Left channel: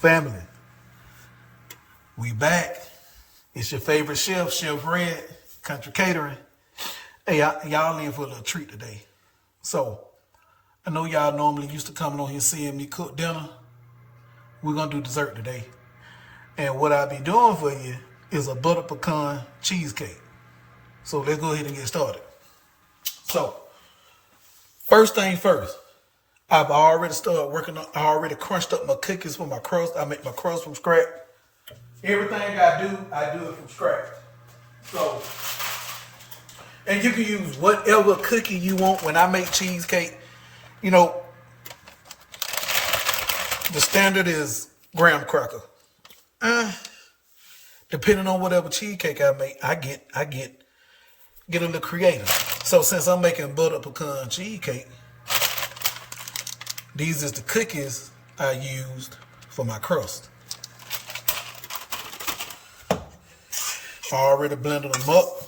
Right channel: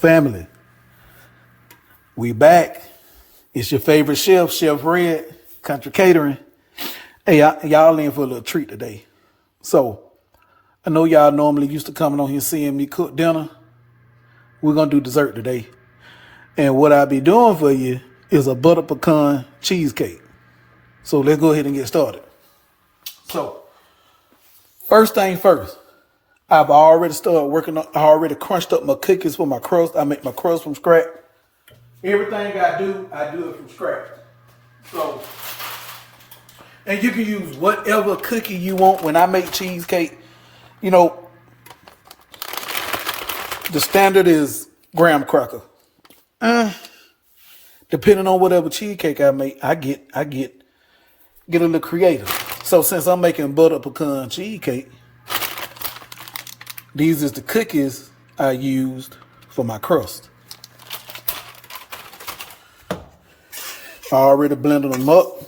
Family, we back. It's your favorite chef, Chef Red, Country Catering. Hey, y'all in for a little treat today. So, I know y'all normally used to coming on here seeing me cook dinner. We're going to do dessert today. And what I'll be doing for you is a butter pecan cheesecake. So, let's go ahead and get started. So, first thing first, I've already started working on, I already crunched up my cookies for my crust. I make my crust from scratch. Everything I do it from scratch. So, and you can use whatever cookie you want. When I make cheesecake, you know, the standard is graham cracker. Depending on whatever cheesecake I make, I get a little creative. So since I'm making butter pecan cheesecake, these is the cookies I used for my crust. I already blended them up.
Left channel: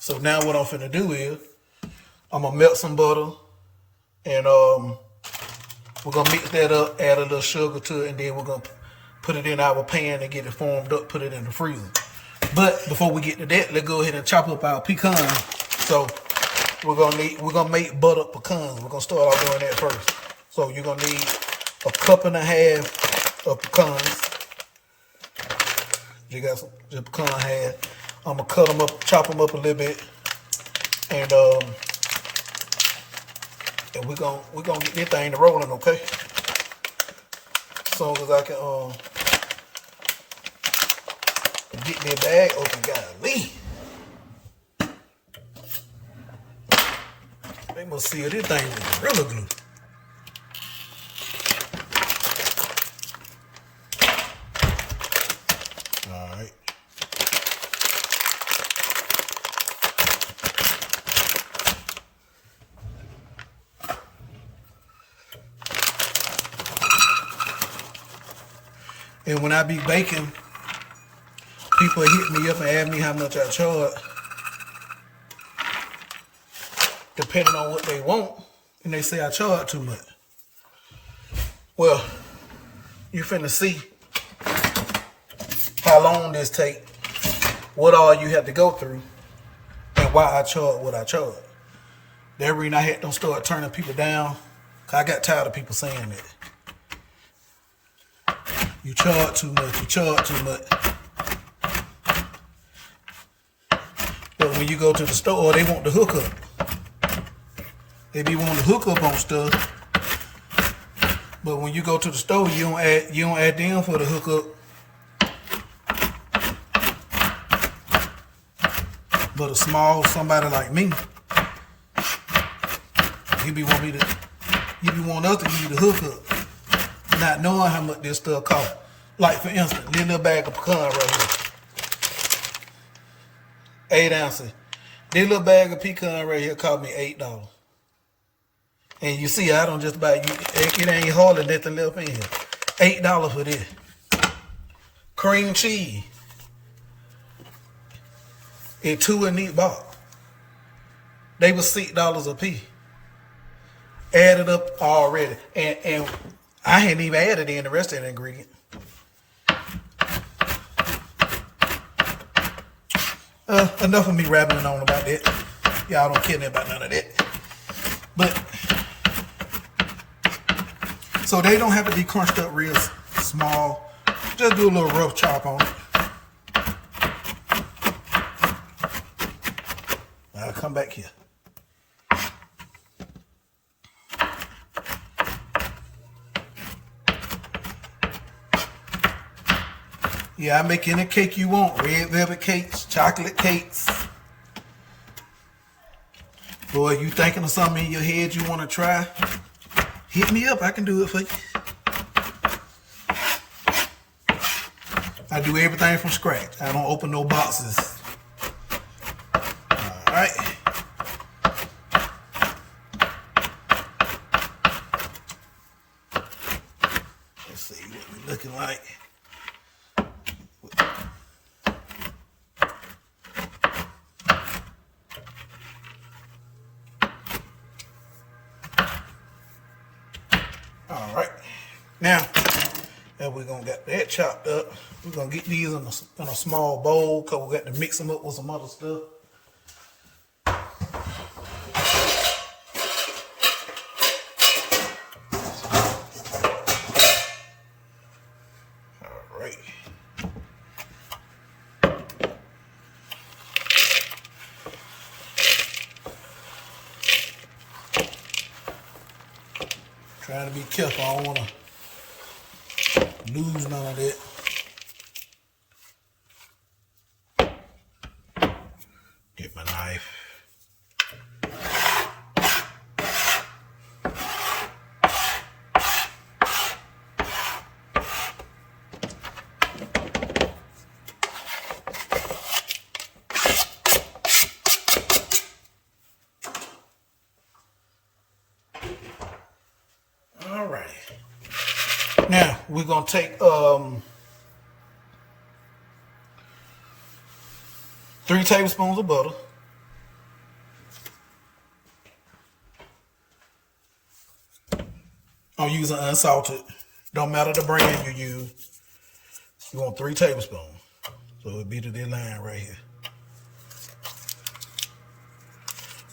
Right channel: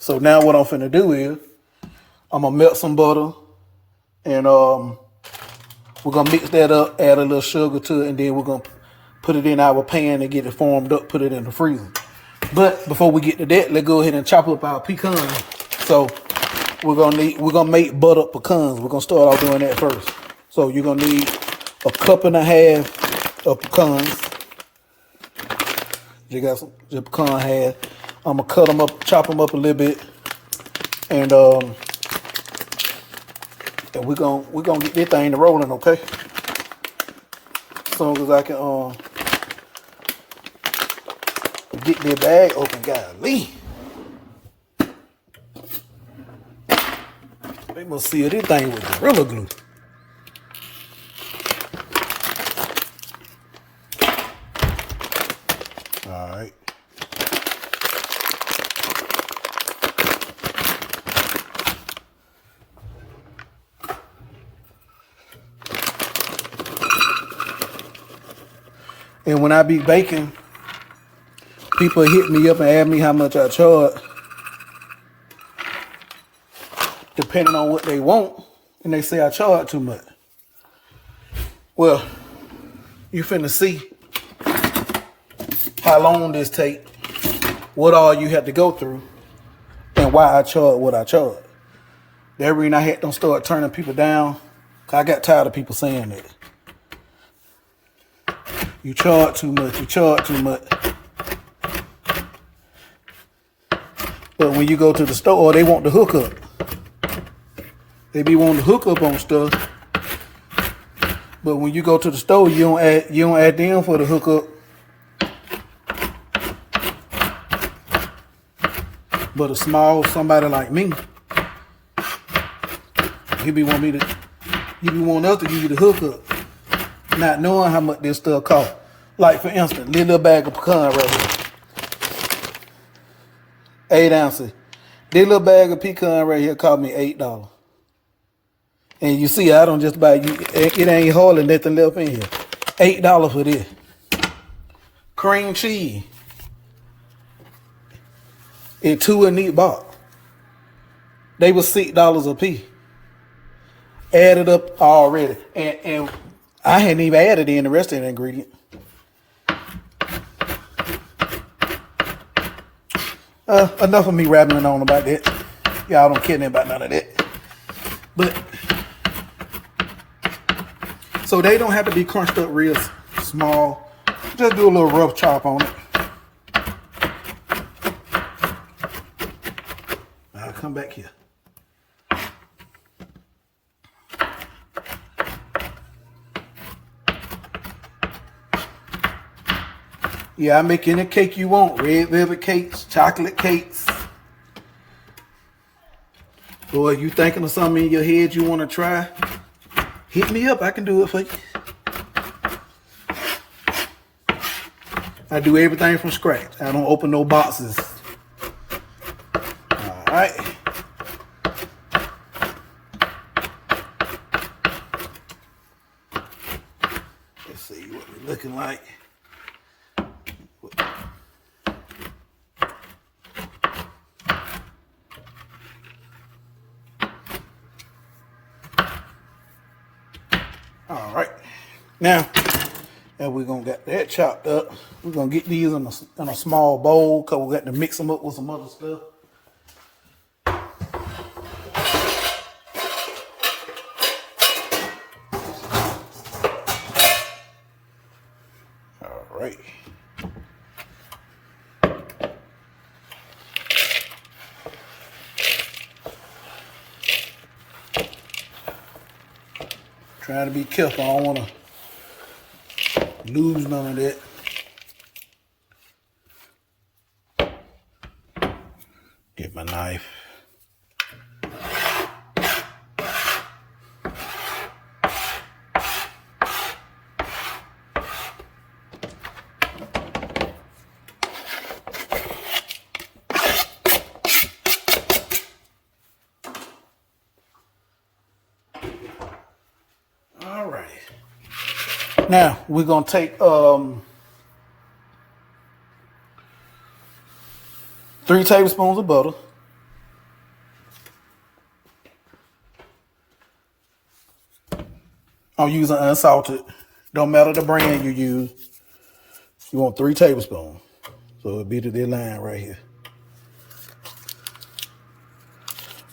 So now what I'm finna do is I'm gonna melt some butter and we're gonna mix that up, add a little sugar to it, and then we're gonna put it in our pan and get it formed up, put it in the freezer. But before we get to that, let's go ahead and chop up our pecans. So we're gonna make butter pecans. We're gonna start off doing that first. So you're gonna need a cup and a half of pecans. You got some pecan half. I'm gonna cut them up, chop them up a little bit, and we're gonna get this thing rolling, okay? As soon as I can get the bag open, golly. They must seal this thing with Gorilla Glue. All right. And when I be baking, people hit me up and ask me how much I charge, depending on what they want, and they say I charge too much. Well, you finna see how long this take, what all you have to go through, and why I charge what I charge. That reason I had to start turning people down, 'cause I got tired of people saying that. You charge too much, you charge too much. But when you go to the store, they want the hookup. They be wanting to hook up on stuff. But when you go to the store, you don't add them for the hookup. But a small somebody like me, you be wanting us to give you the hookup, not knowing how much this stuff costs. Like for instance, little bag of pecan right here, 8 ounces. This little bag of pecan right here cost me $8. And you see, I don't just buy you. It ain't hardly nothing left in here. $8 for this. Cream cheese. And 2 in each box. They was $6 a piece. Added up already, and I hadn't even added in the rest of the ingredient. Enough of me rambling on about that. Y'all don't care about none of that. But so they don't have to be crunched up real small. Just do a little rough chop on it. I'll come back here. Yeah, I make any cake you want. Red velvet cakes, chocolate cakes. Boy, you thinking of something in your head you want to try? Hit me up. I can do it for you. I do everything from scratch. I don't open no boxes. All right. Let's see what we're looking like. All right. Now, And we're gonna get that chopped up. We're gonna get these in a small bowl because we got to mix them up with some other stuff. All right. Trying to be careful. I don't want to lose none of that. Get my knife. All right. Now we're gonna take 3 tablespoons of butter. I'm using unsalted. Don't matter the brand you use. You want 3 tablespoons. So it'll be to this line right here.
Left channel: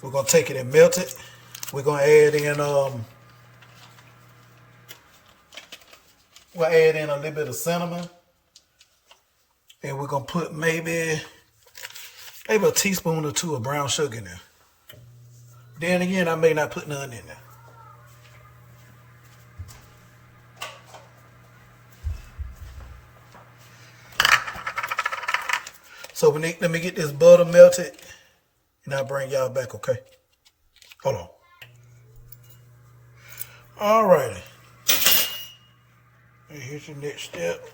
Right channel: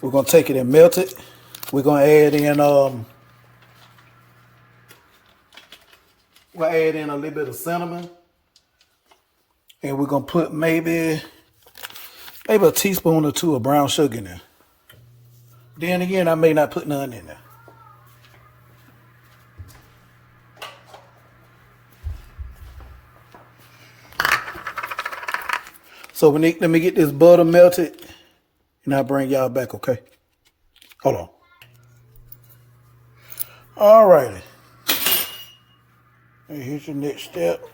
We're gonna take it and melt it. We're gonna add in we'll add in a little bit of cinnamon. And we're gonna put maybe a teaspoon or 2 of brown sugar in there. Then again, I may not put none in there. So let me get this butter melted, and I'll bring y'all back, okay? Hold on. All righty. And here's your next step.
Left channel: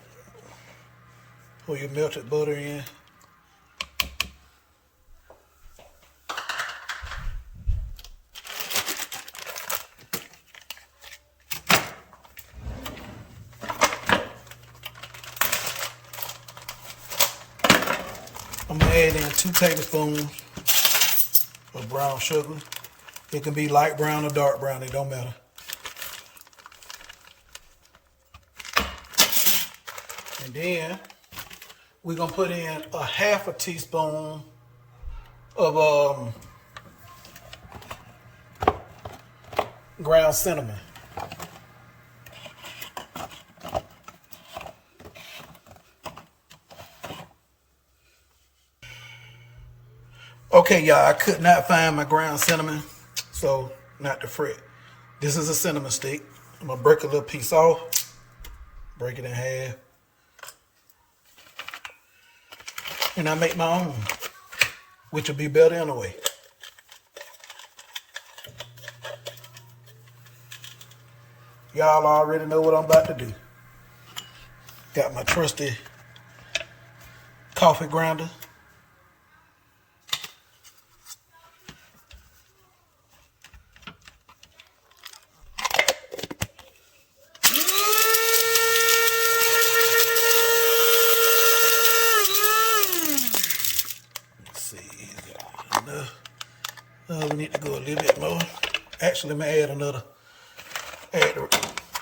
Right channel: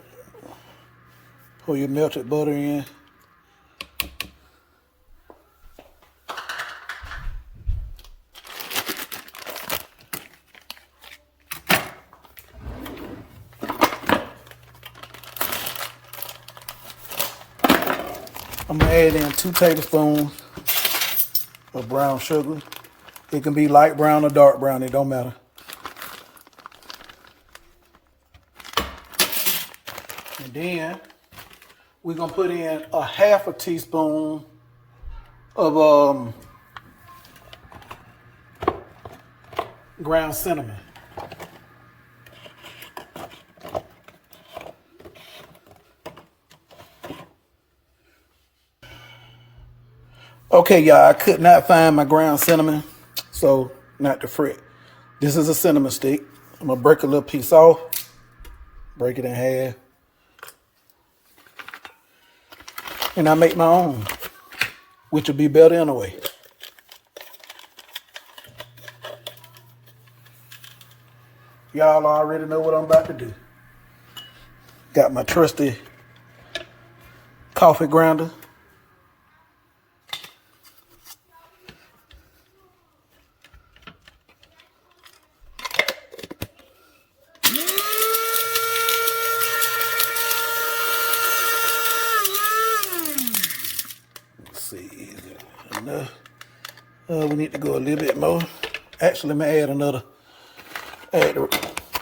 Pour your melted butter in. I'm gonna add in 2 tablespoons of brown sugar. It can be light brown or dark brown, it don't matter. And then we're gonna put in a half a teaspoon of ground cinnamon. Okay, y'all, I could not find my ground cinnamon, so not to fret. This is a cinnamon stick. I'm gonna break a little piece off, break it in half, and I make my own, which will be better anyway. Y'all already know what I'm about to do. Got my trusty coffee grinder. See, enough. We need to go a little bit more. Actually, let me add another.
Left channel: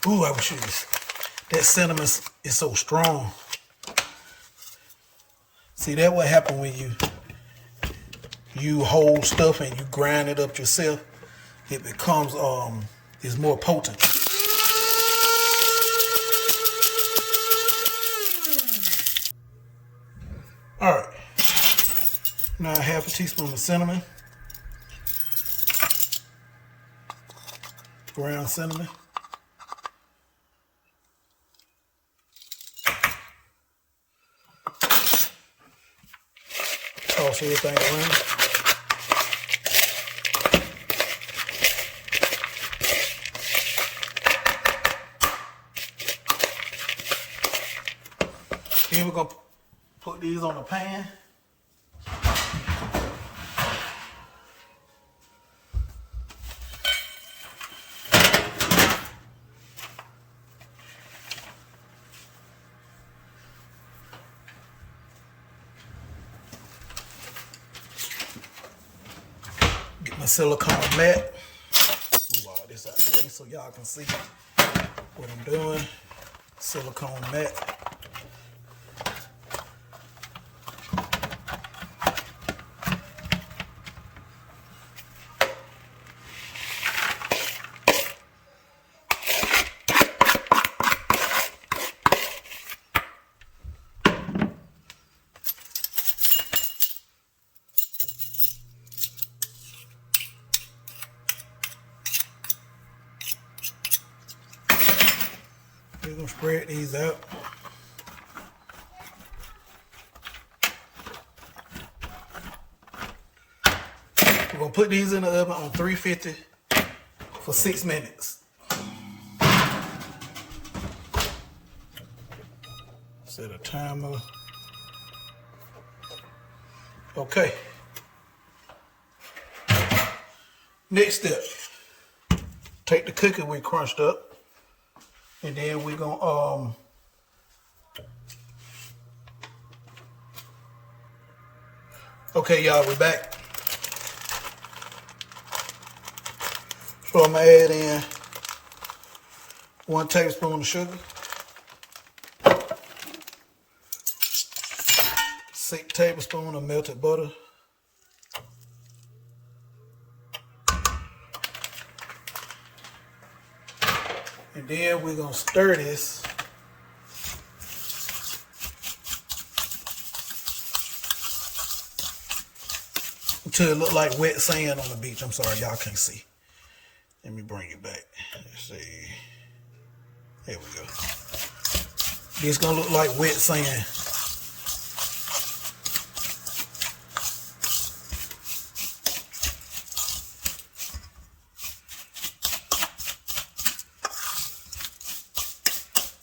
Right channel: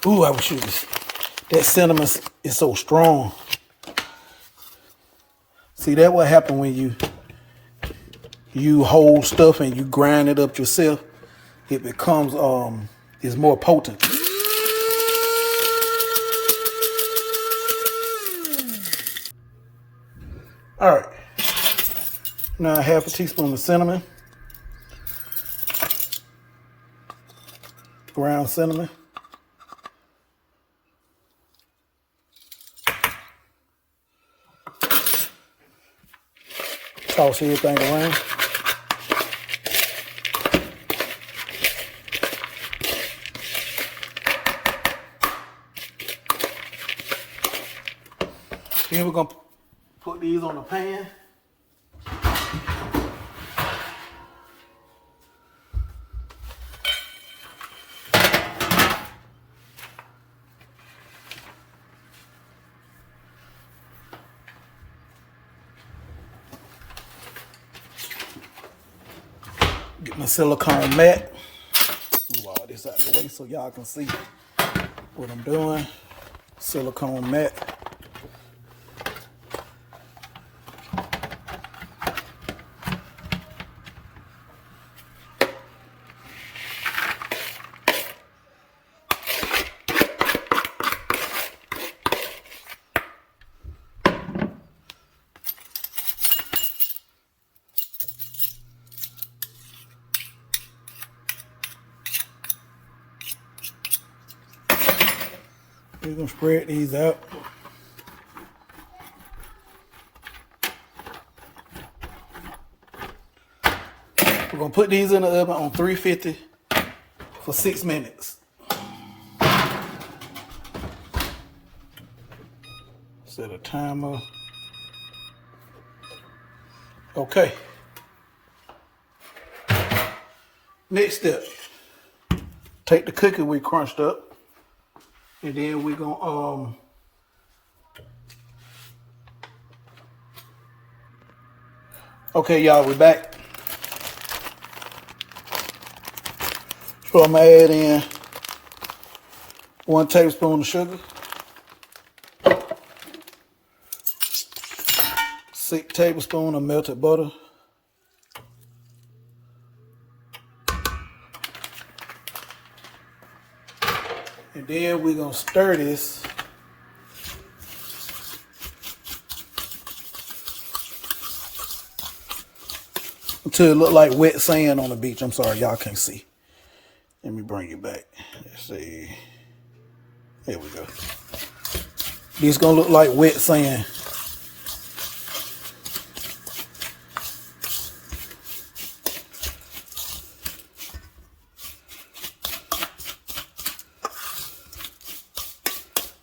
Ooh, I wish that cinnamon is so strong. See, that what happen when you hold stuff and you grind it up yourself. It becomes it's more potent. All right. Now half a teaspoon of cinnamon, ground cinnamon. Toss everything around. Then we're gonna put these on the pan. Get my silicone mat. Move all this out of the way so y'all can see what I'm doing. silicone mat. We're gonna spread these out. We're gonna put these in the oven on 350 for 6 minutes. Set a timer. Okay. Next step. Take the cookie we crunched up. And then we're gonna okay, y'all, we're back. So I'm gonna add in 1 tablespoon of sugar, 6 tablespoons of melted butter, and then we're gonna stir this until it look like wet sand on the beach. I'm sorry, y'all can't see. Let me bring it back. Let's see. There we go. This is gonna look like wet sand.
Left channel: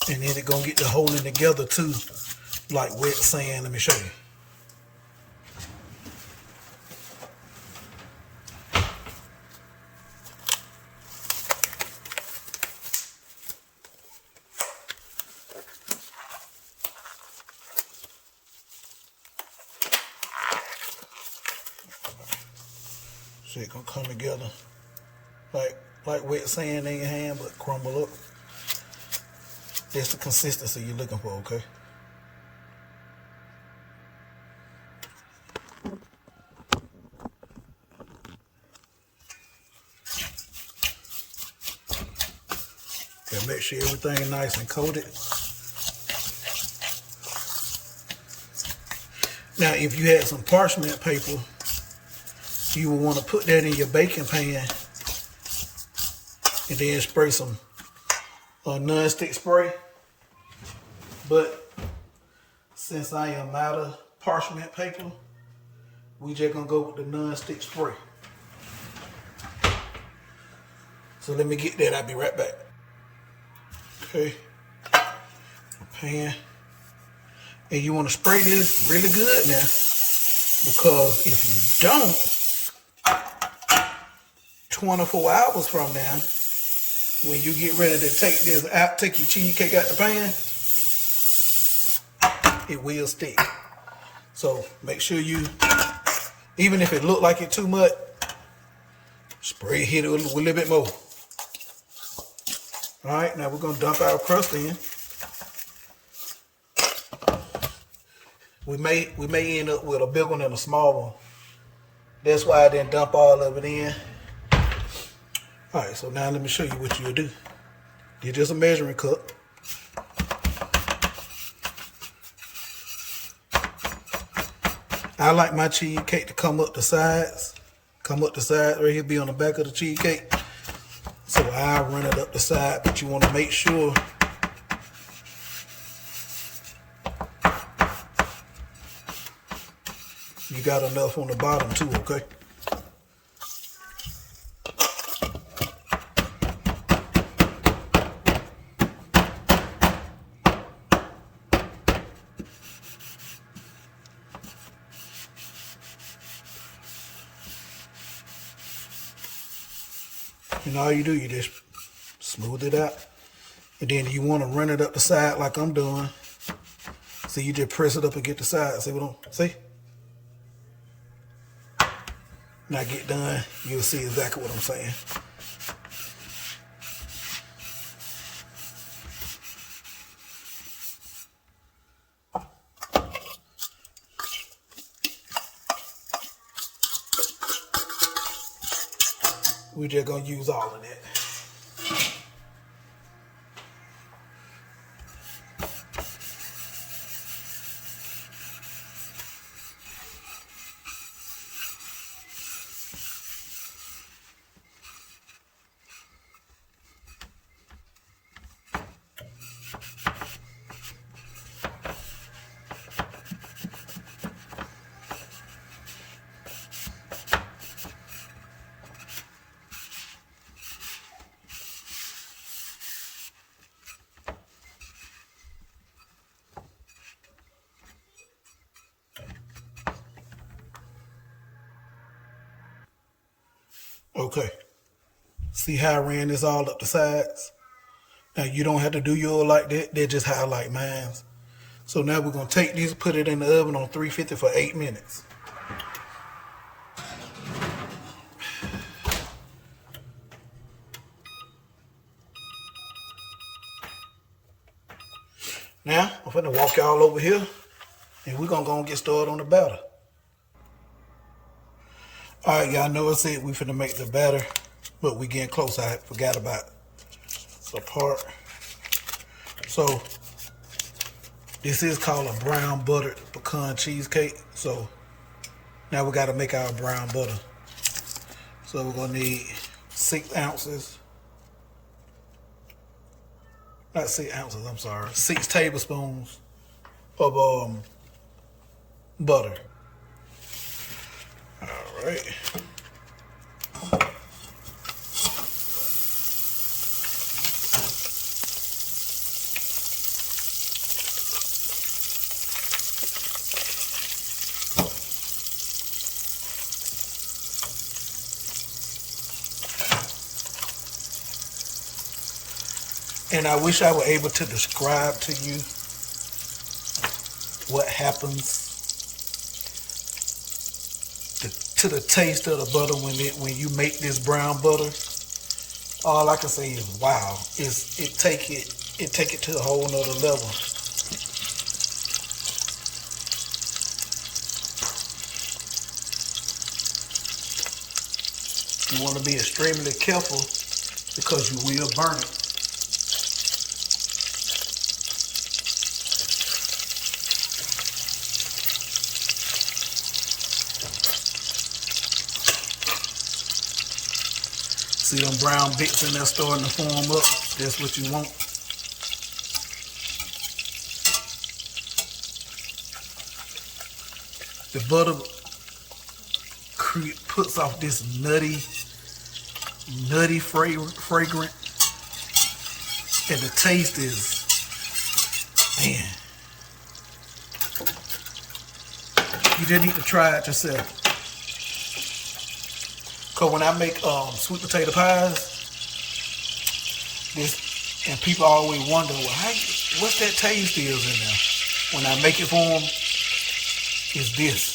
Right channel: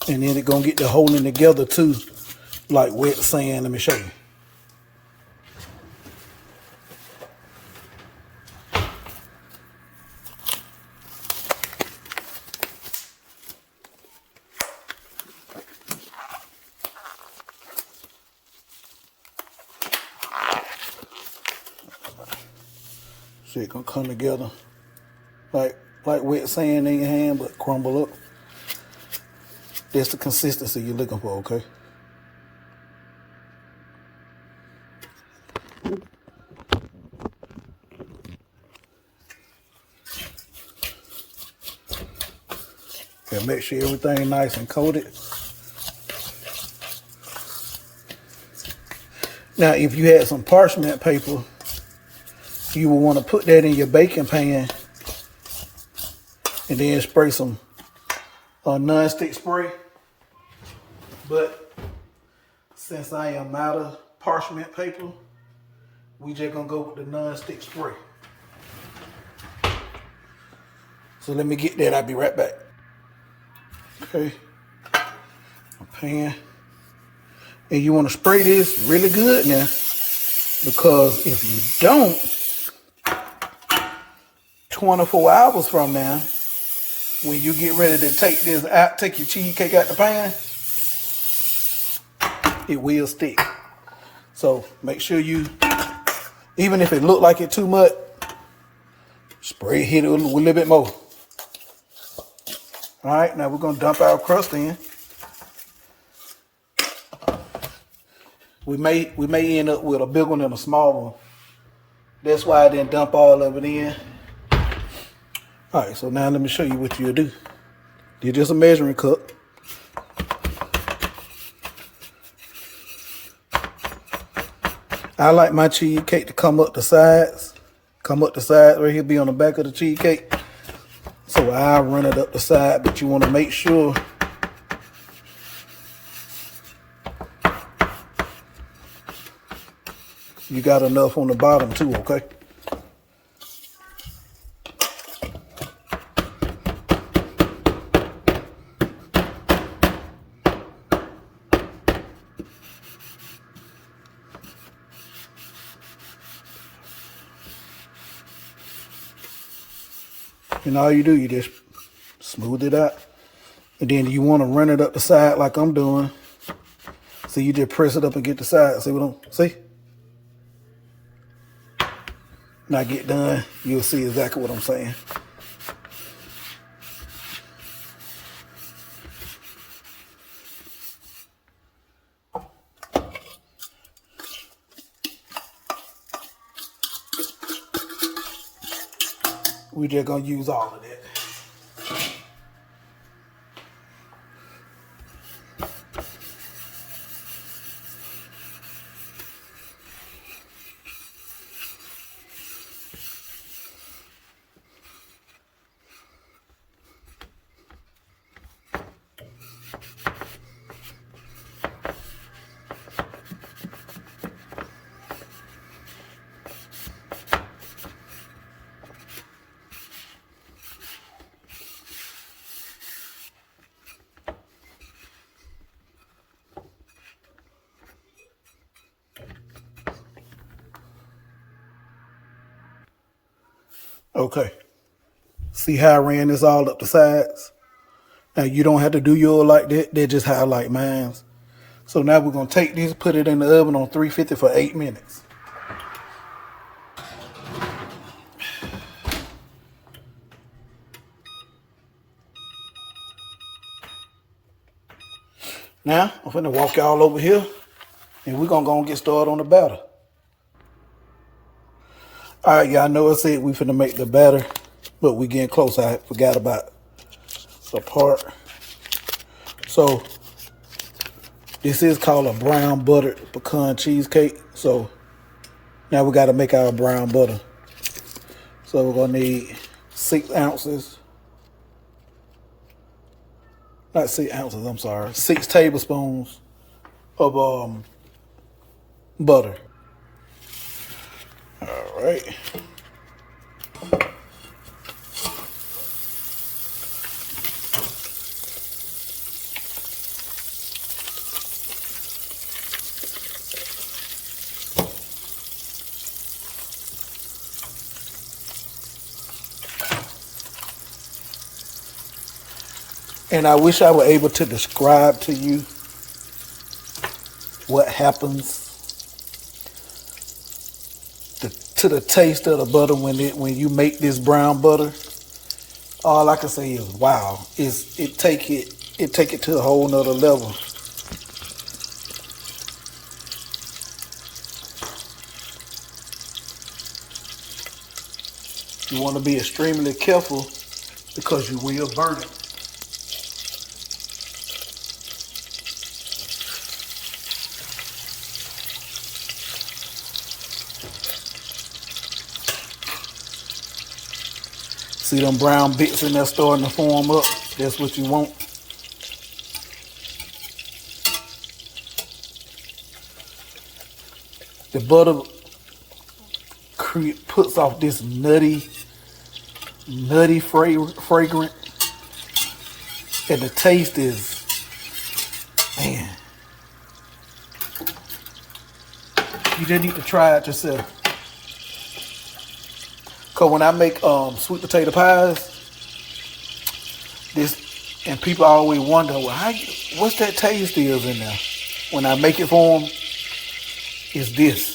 And then it's gonna get the holding together too, like wet sand. Let me show you. See, it's gonna come together like wet sand in your hand, but crumble up. That's the consistency you're looking for, okay? And make sure everything nice and coated. Now, if you had some parchment paper, you will want to put that in your baking pan and then spray some non-stick spray. But since I am out of parchment paper, we just gonna go with the non-stick spray. So let me get that, I'll be right back. Okay, pan. And you wanna spray this really good now, because if you don't, 24 hours from now, when you get ready to take this out, take your cheesecake out the pan, it will stick. So make sure you, even if it look like it too much, spray, hit it with a little bit more. All right, now we're gonna dump our crust in. We may end up with a big one and a small one. That's why I didn't dump all of it in. All right, so now let me show you what you'll do. You're just a measuring cup. I like my cheesecake to come up the sides. Come up the side right here, be on the back of the cheesecake. So I'll run it up the side, but you want to make sure you got enough on the bottom too, okay? And all you do, you just smooth it out. And then you want to run it up the side like I'm doing. So you just press it up and get the side. See what I'm, see? When I get done, you'll see exactly what I'm saying. . We're just gonna use all of that. Okay. See how I ran this all up the sides? Now you don't have to do yours like that. They're just how I like mine. So now we're going to take this, put it in the oven on 350 for 8 minutes. Now, I'm going to walk y'all over here, and we're going to go and get started on the batter. All right, y'all know I said we finna make the batter, but we getting close. I forgot about the part. So, this is called a brown buttered pecan cheesecake. So, now we got to make our brown butter. So, we're going to need 6 ounces. Not 6 ounces, I'm sorry. 6 tablespoons of butter. All right. And I wish I were able to describe to you what happens to the taste of the butter when you make this brown butter. All I can say is wow. It take it to a whole nother level. You want to be extremely careful because you will burn it. See them brown bits in there starting to form up? That's what you want. The butter puts off this nutty fragrant. And the taste is, man. You just need to try it yourself. Cause when I make sweet potato pies, and people always wonder, well, what's that taste is in there? When I make it for them, it's this.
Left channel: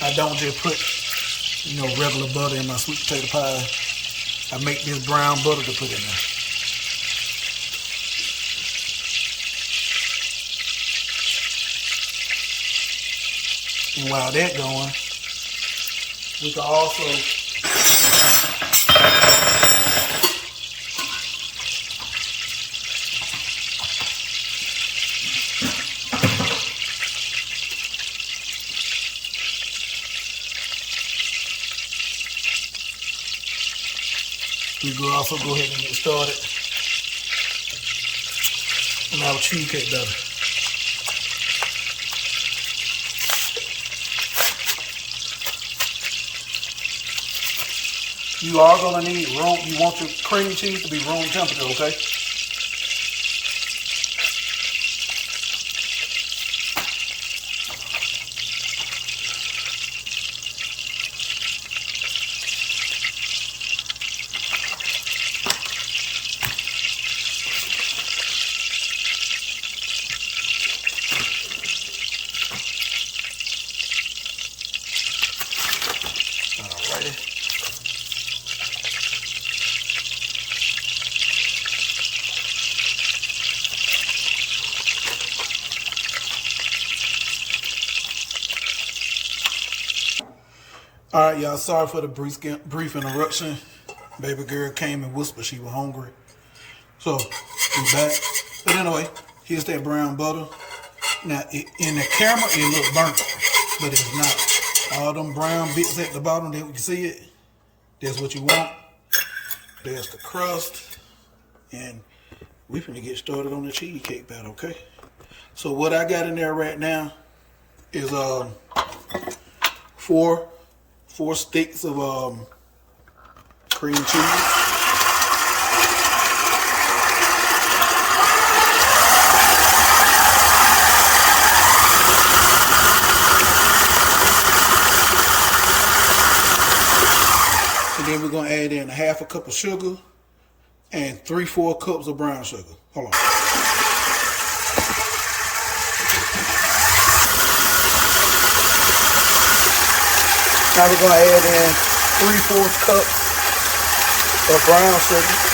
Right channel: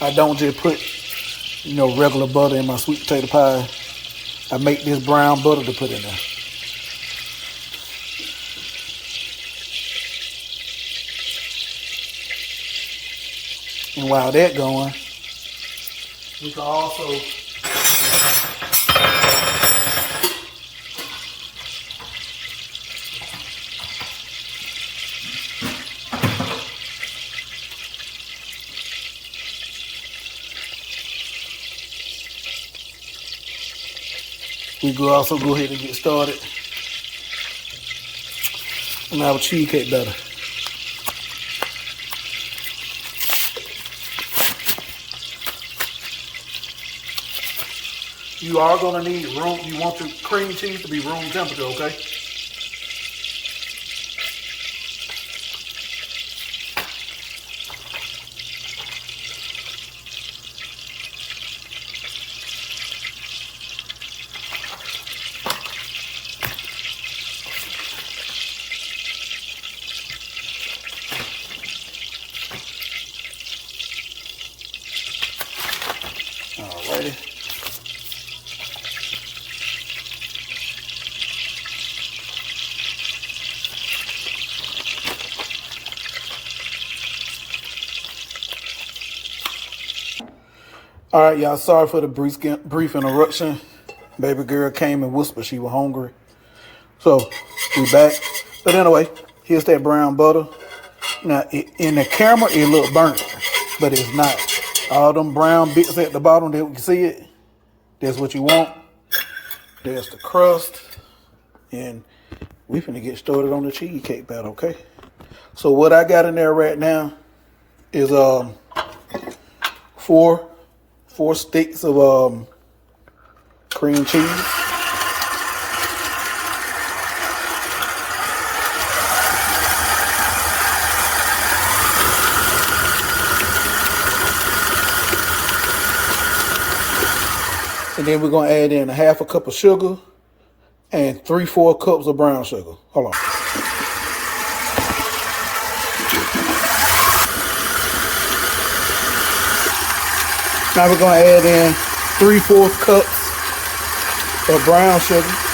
I don't just put, regular butter in my sweet potato pie. I make this brown butter to put in there. And while that's going, we can also go ahead and get started on our cheesecake batter. You are going to need room. You want your cream cheese to be room temperature, okay? Alrighty. All right, y'all, sorry for the brief interruption. Baby girl came and whispered she was hungry. So, we back. But anyway, here's that brown butter. Now, in the camera, it look burnt, but it's not. All them brown bits at the bottom, that we can see it, that's what you want. There's the crust. And we finna get started on the cheesecake batter, okay? So what I got in there right now is four sticks of cream cheese. And then we're gonna add in a half a cup of sugar and 3/4 cups of brown sugar. Hold on. Now we're gonna add in 3/4 cups of brown sugar.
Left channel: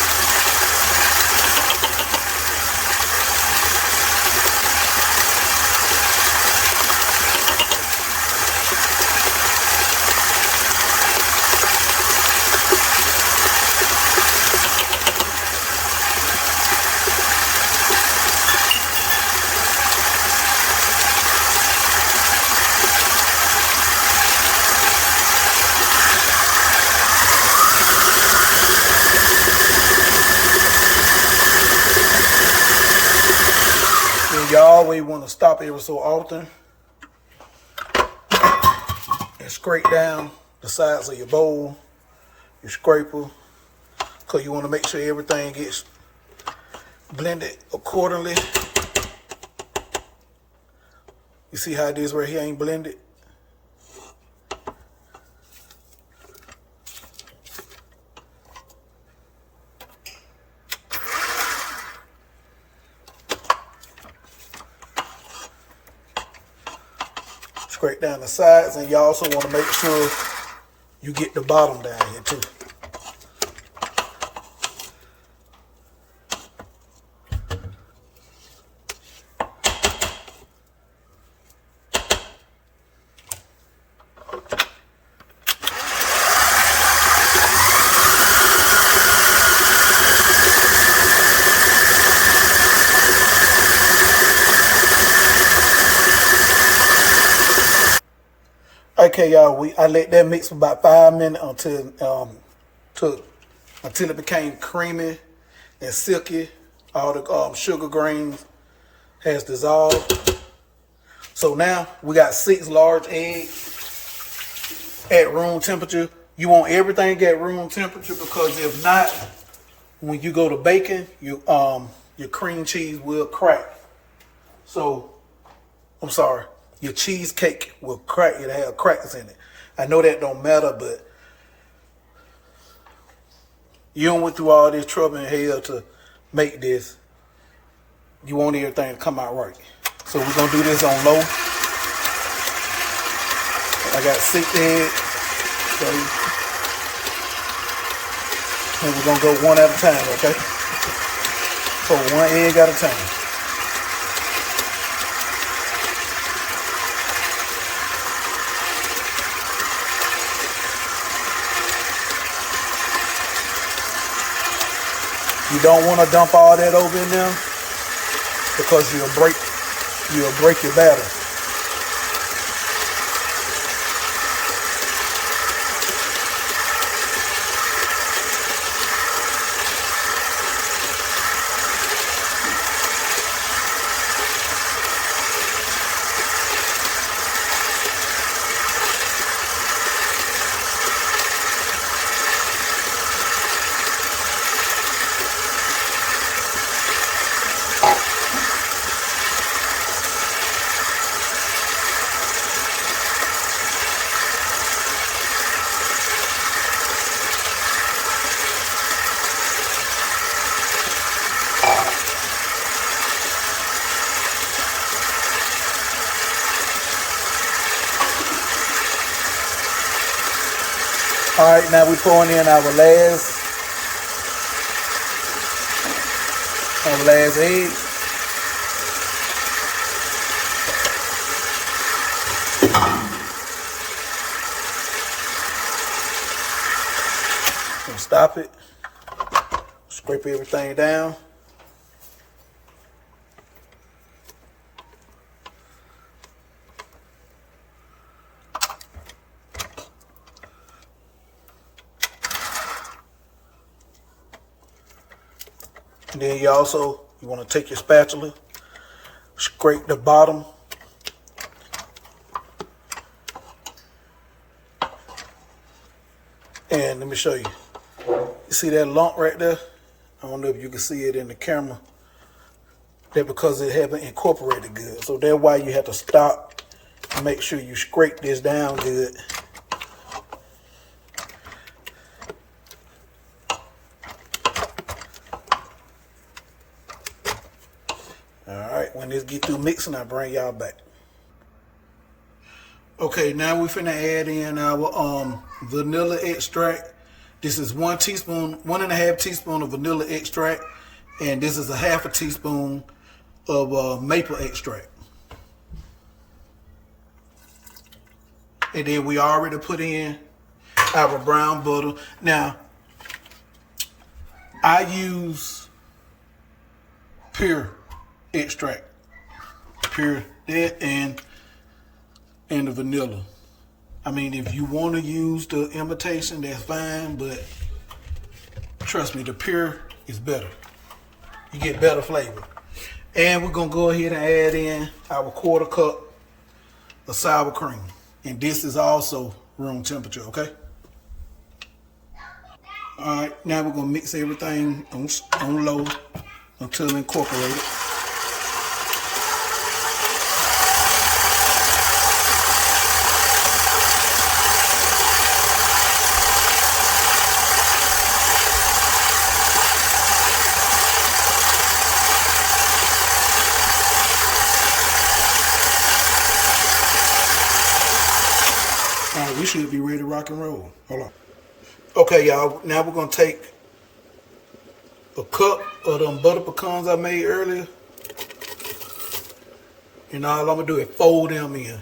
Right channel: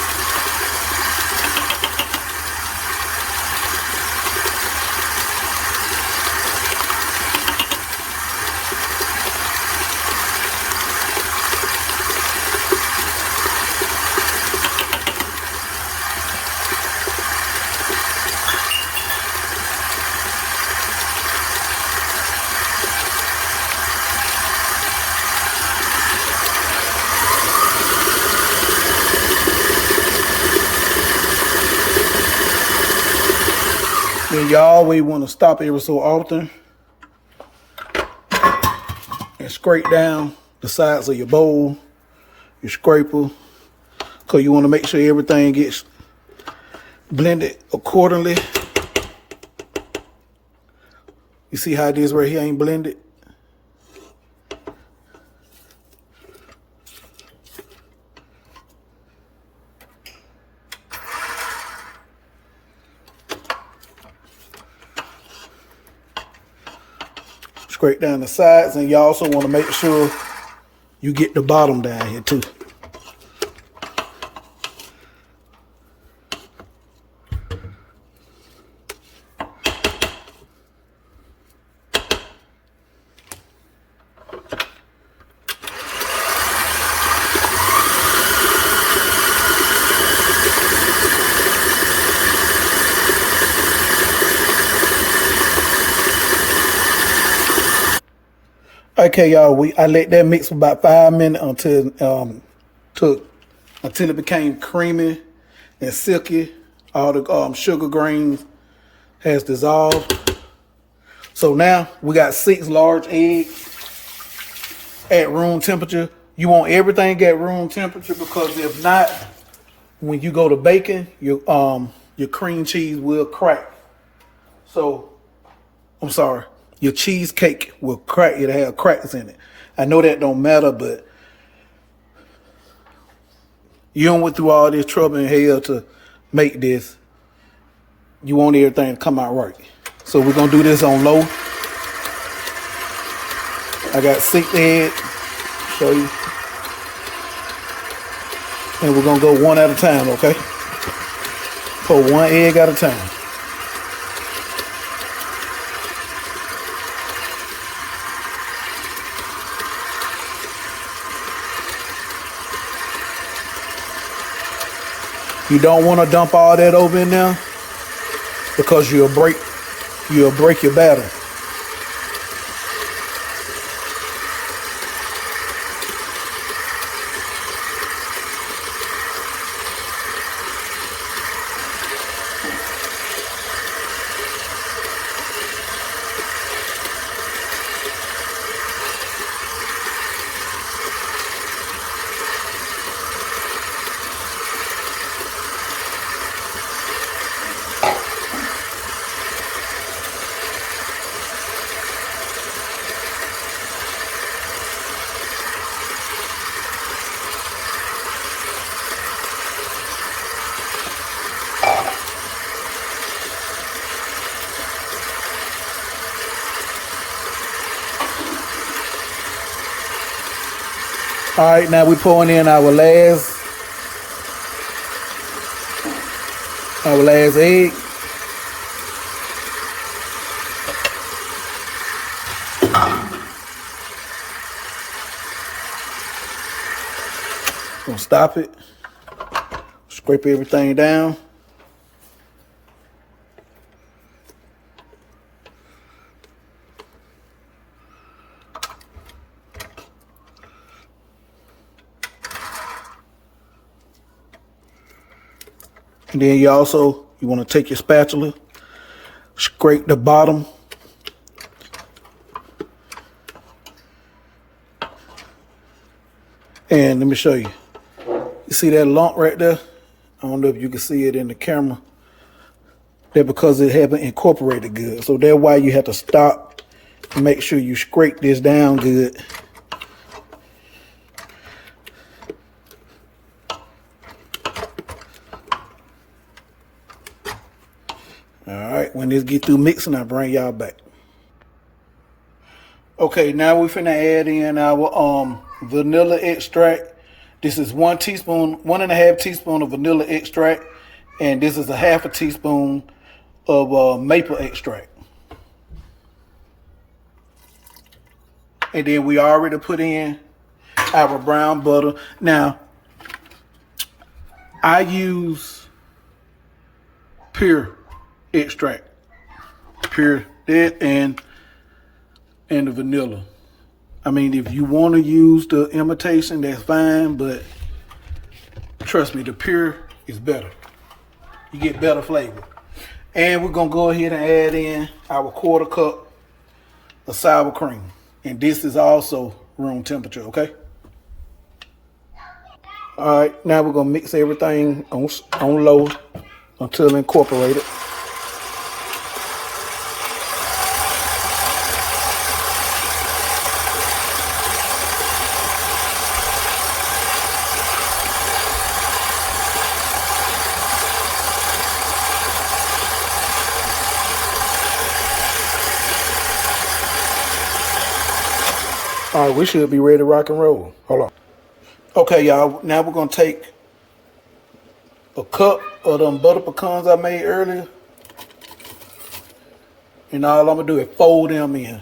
And you always want to stop every so often and scrape down the sides of your bowl, your scraper, because you want to make sure everything gets blended accordingly. You see how it is right here ain't blended? Scrape down the sides, and you also want to make sure you get the bottom down here too. Okay, y'all, I let that mix for about 5 minutes until it became creamy and silky. All the sugar grains has dissolved. So now we got 6 large eggs at room temperature. You want everything at room temperature, because if not, when you go to baking, your cream cheese will crack. So, I'm sorry. Your cheesecake will crack. It'll have cracks in it. I know that don't matter, but you don't went through all this trouble and hell to make this. You want everything to come out right. So we're going to do this on low. I got 6 eggs. So, and we're going to go one at a time, okay? So 1 egg at a time. You don't want to dump all that over in there, because you'll break your batter. All right, now we're pouring in our last egg. stop it. Scrape everything down. And then you want to take your spatula, scrape the bottom. And let me show you. You see that lump right there? I don't know if you can see it in the camera. That's because it haven't incorporated good. So that's why you have to stop and make sure you scrape this down good. Alright, when this get through mixing, I'll bring y'all back. Okay, now we finna add in our vanilla extract. This is 1.5 teaspoon of vanilla extract, and this is a 1/2 teaspoon of maple extract. And then we already put in our brown butter. Now, I use pure extract, pure that and the vanilla. I mean, if you want to use the imitation, that's fine, but trust me, the pure is better. You get better flavor. And we're gonna go ahead and add in our 1/4 cup of sour cream. And this is also room temperature, okay? All right, now we're gonna mix everything on low until incorporated. All right, we should be ready to rock and roll. Hold on. Okay, y'all, now we're gonna take a cup of them butter pecans I made earlier. And all I'm gonna do is fold them in.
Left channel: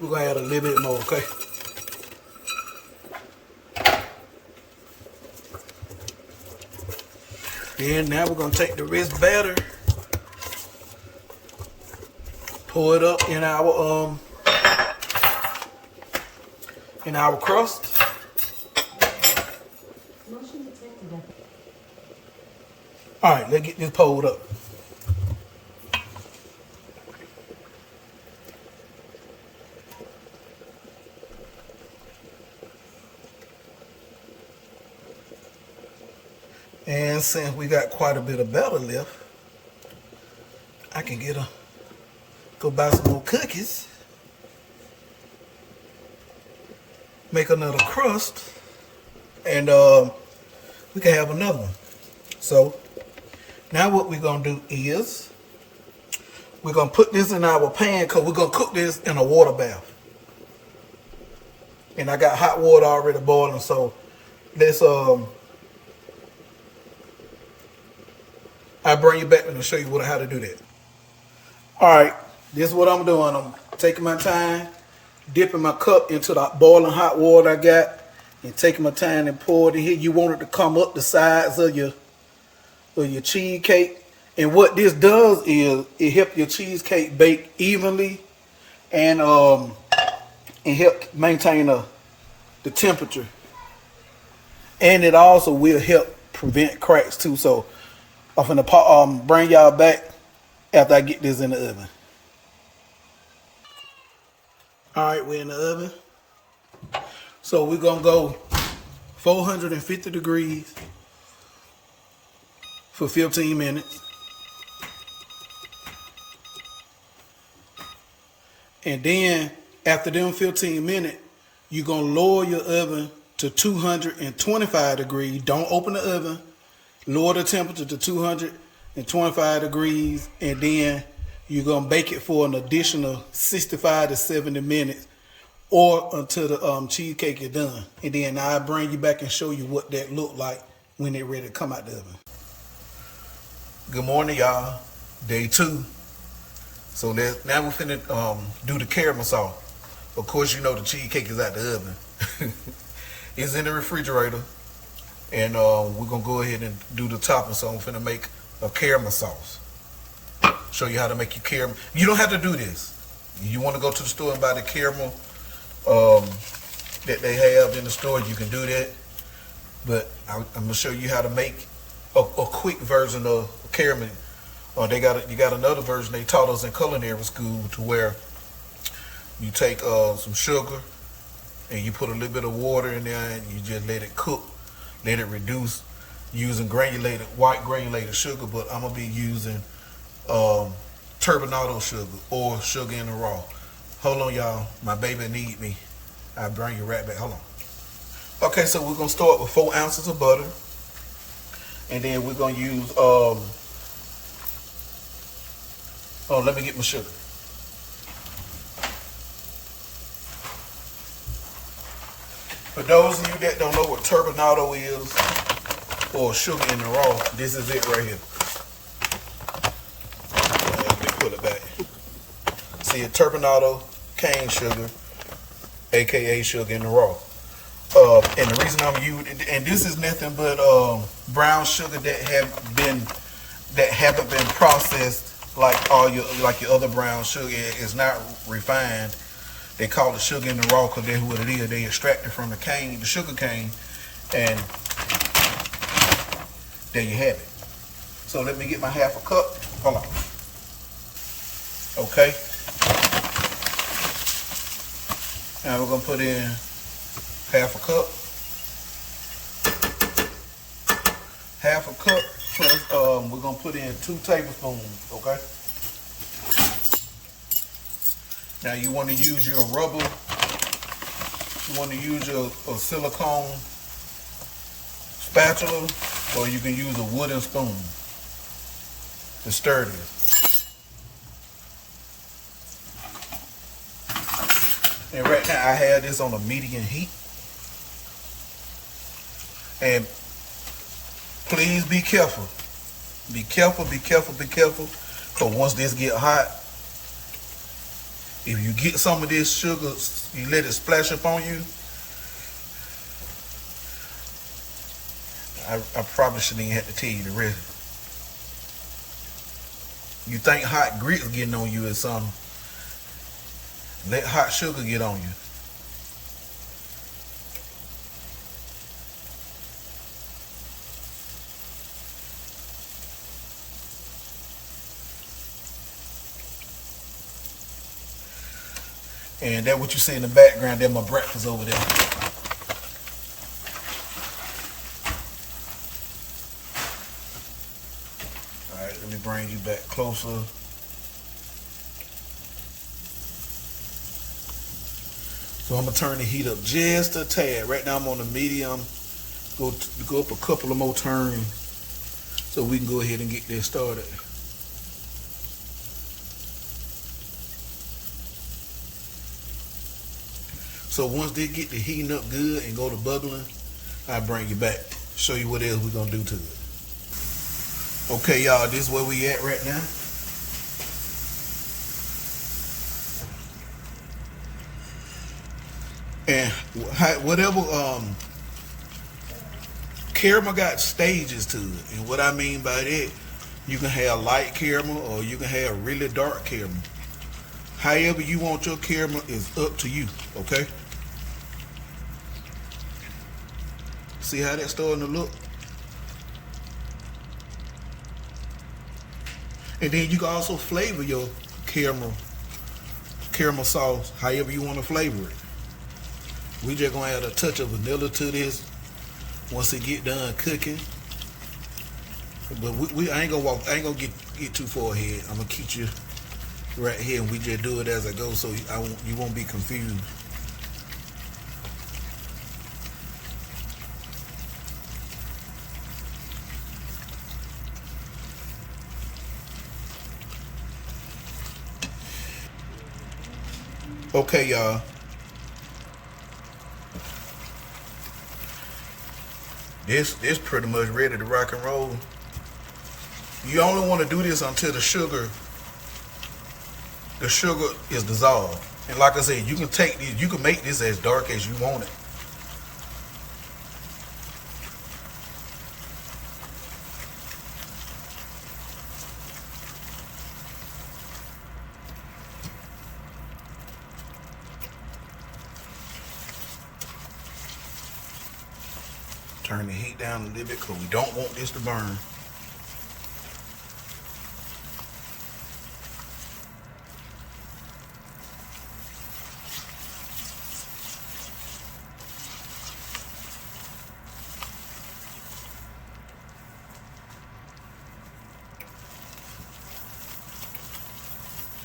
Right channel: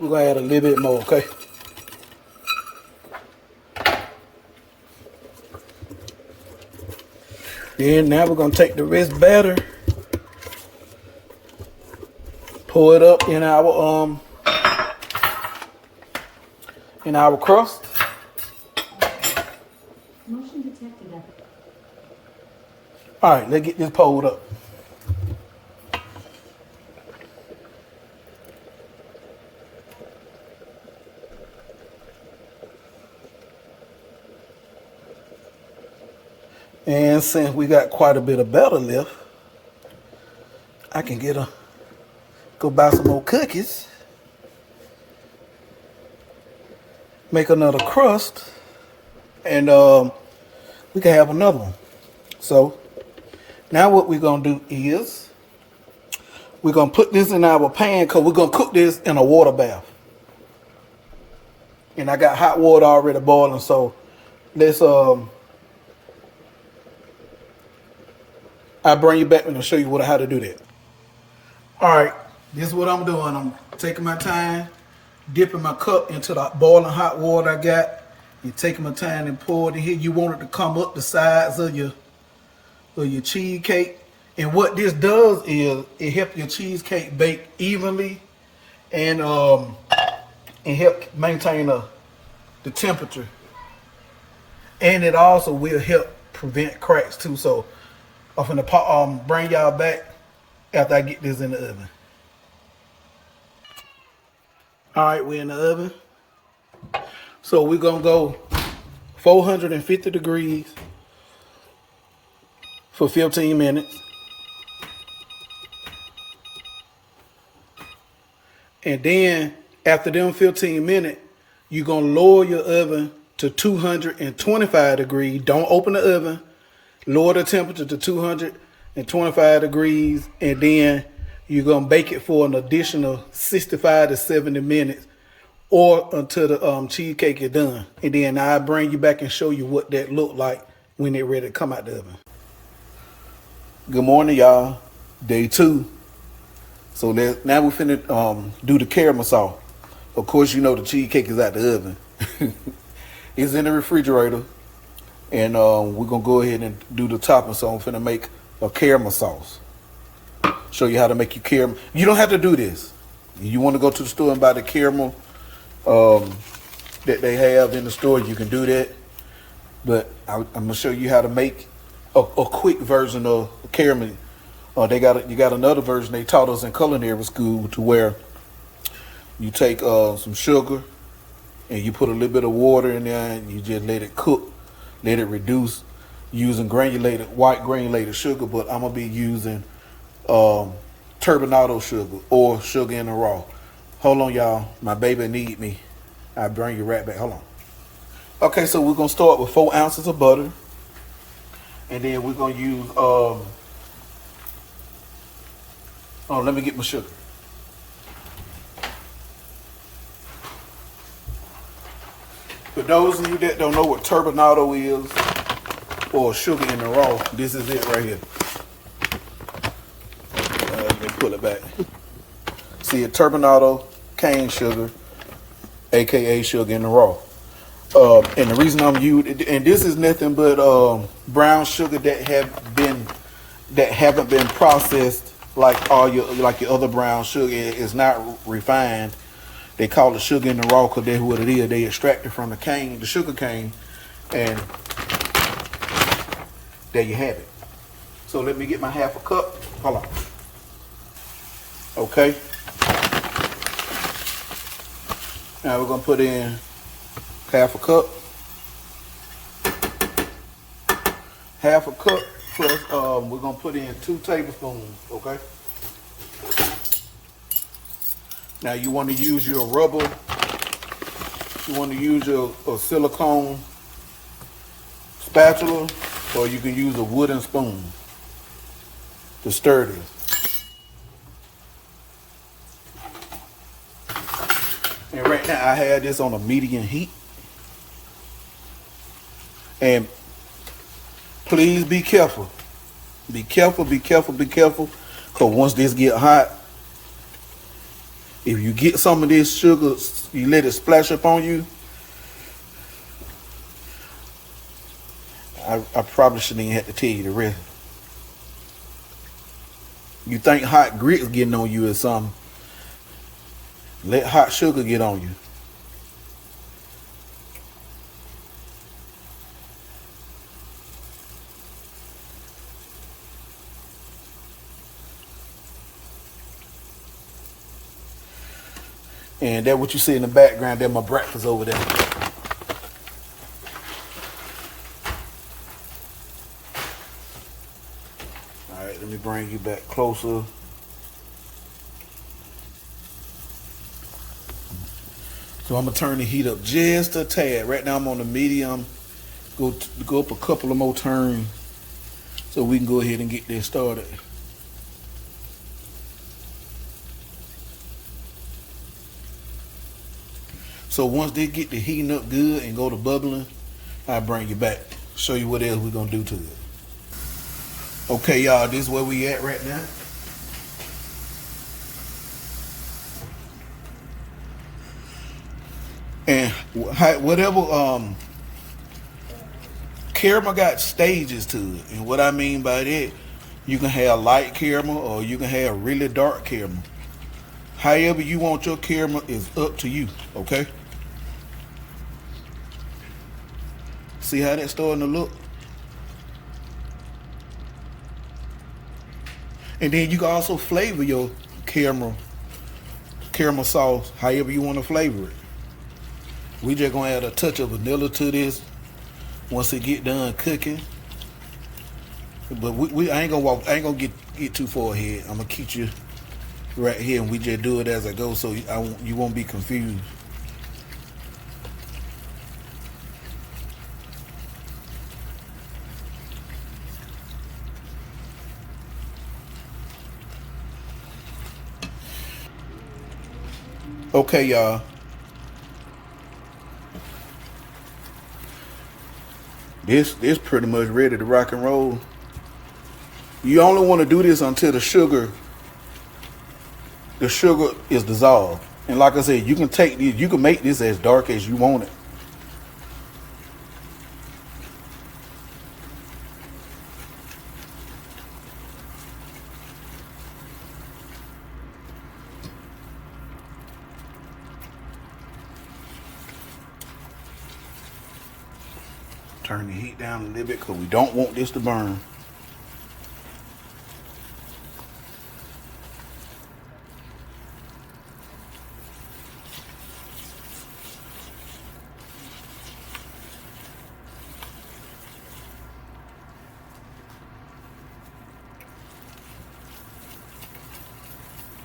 We're gonna add a little bit more, okay? And now we're gonna take the rest batter, pour it up in our crust. All right, let's get this poured up. And since we got quite a bit of batter left, I can go buy some more cookies, make another crust, and we can have another one. So now what we're gonna do is we're gonna put this in our pan because we're gonna cook this in a water bath. And I got hot water already boiling, so let's I'll bring you back and show you how to do that. All right, this is what I'm doing. I'm taking my time, dipping my cup into the boiling hot water I got, and taking my time and pour it in here. You want it to come up the sides of your cheesecake. And what this does is it helps your cheesecake bake evenly, and it helps maintain the temperature. And it also will help prevent cracks too. So I'm finna bring y'all back after I get this in the oven. All right, we're in the oven. So we're gonna go 450 degrees for 15 minutes. And then after them 15 minutes, you're gonna lower your oven to 225 degrees. Don't open the oven. Lower the temperature to 225 degrees, and then You're gonna bake it for an additional 65 to 70 minutes or until the cheesecake is done. And then I'll bring you back and show you what that look like when it's ready to come out the oven. Good morning, y'all. Day 2. So now we finna do the caramel sauce. Of course, you know the cheesecake is out the oven. It's in the refrigerator. And we're gonna go ahead and do the topping. So I'm finna make a caramel sauce. Show you how to make your caramel. You don't have to do this. You want to go to the store and buy the caramel that they have in the store, you can do that. But I'm gonna show you how to make a quick version of caramel. You got another version they taught us in culinary school, to where you take some sugar and you put a little bit of water in there and you just let it cook, let it reduce, using white granulated sugar. But I'm gonna be using turbinado sugar or sugar in the raw. Hold on, y'all. My baby need me. I'll bring you right back. Hold on. Okay, so we're gonna start with 4 ounces of butter, and then we're gonna use let me get my sugar. For those of you that don't know what turbinado is, or sugar in the raw, this is it right here. Let me pull it back. See, a turbinado, cane sugar, aka sugar in the raw. And the reason I'm using, and this is nothing but brown sugar that haven't been processed like your other brown sugar. It's not refined. They call it sugar in the raw because that's what it is. They extract it from the cane, the sugar cane, and there you have it. So let me get my half a cup. Hold on. Okay. Now we're gonna put in half a cup. Half a cup. Plus, we're gonna put in 2 tablespoons. Okay. Now you want to use your rubber. You want to use your silicone spatula, or you can use a wooden spoon to stir this. And right now I have this on a medium heat. And please be careful. Be careful, be careful, be careful. Because once this get hot, if you get some of this sugar, you let it splash up on you. I probably shouldn't even have to tell you the rest. You think hot grits getting on you or something. Let hot sugar get on you. And that's what you see in the background. That's my breakfast over there. All right, let me bring you back closer. So I'm gonna turn the heat up just a tad. Right now I'm on the medium. Go up a couple of more turns so we can go ahead and get this started. So once they get the heating up good and go to bubbling, I'll bring you back, show you what else we're gonna do to it. Okay, y'all, this is where we at right now. And whatever caramel got stages to it, and what I mean by that, you can have light caramel or you can have really dark caramel. However you want your caramel is up to you, okay? See how that's starting to look? And then you can also flavor your caramel sauce however you want to flavor it. We just gonna add a touch of vanilla to this once it get done cooking. But I ain't gonna get too far ahead. I'm gonna keep you right here, and we just do it as I go, so you won't be confused. Okay, y'all. This pretty much ready to rock and roll. You only want to do this until the sugar is dissolved. And like I said, you can take this, you can make this as dark as you want it. Turn the heat down a little bit because we don't want this to burn.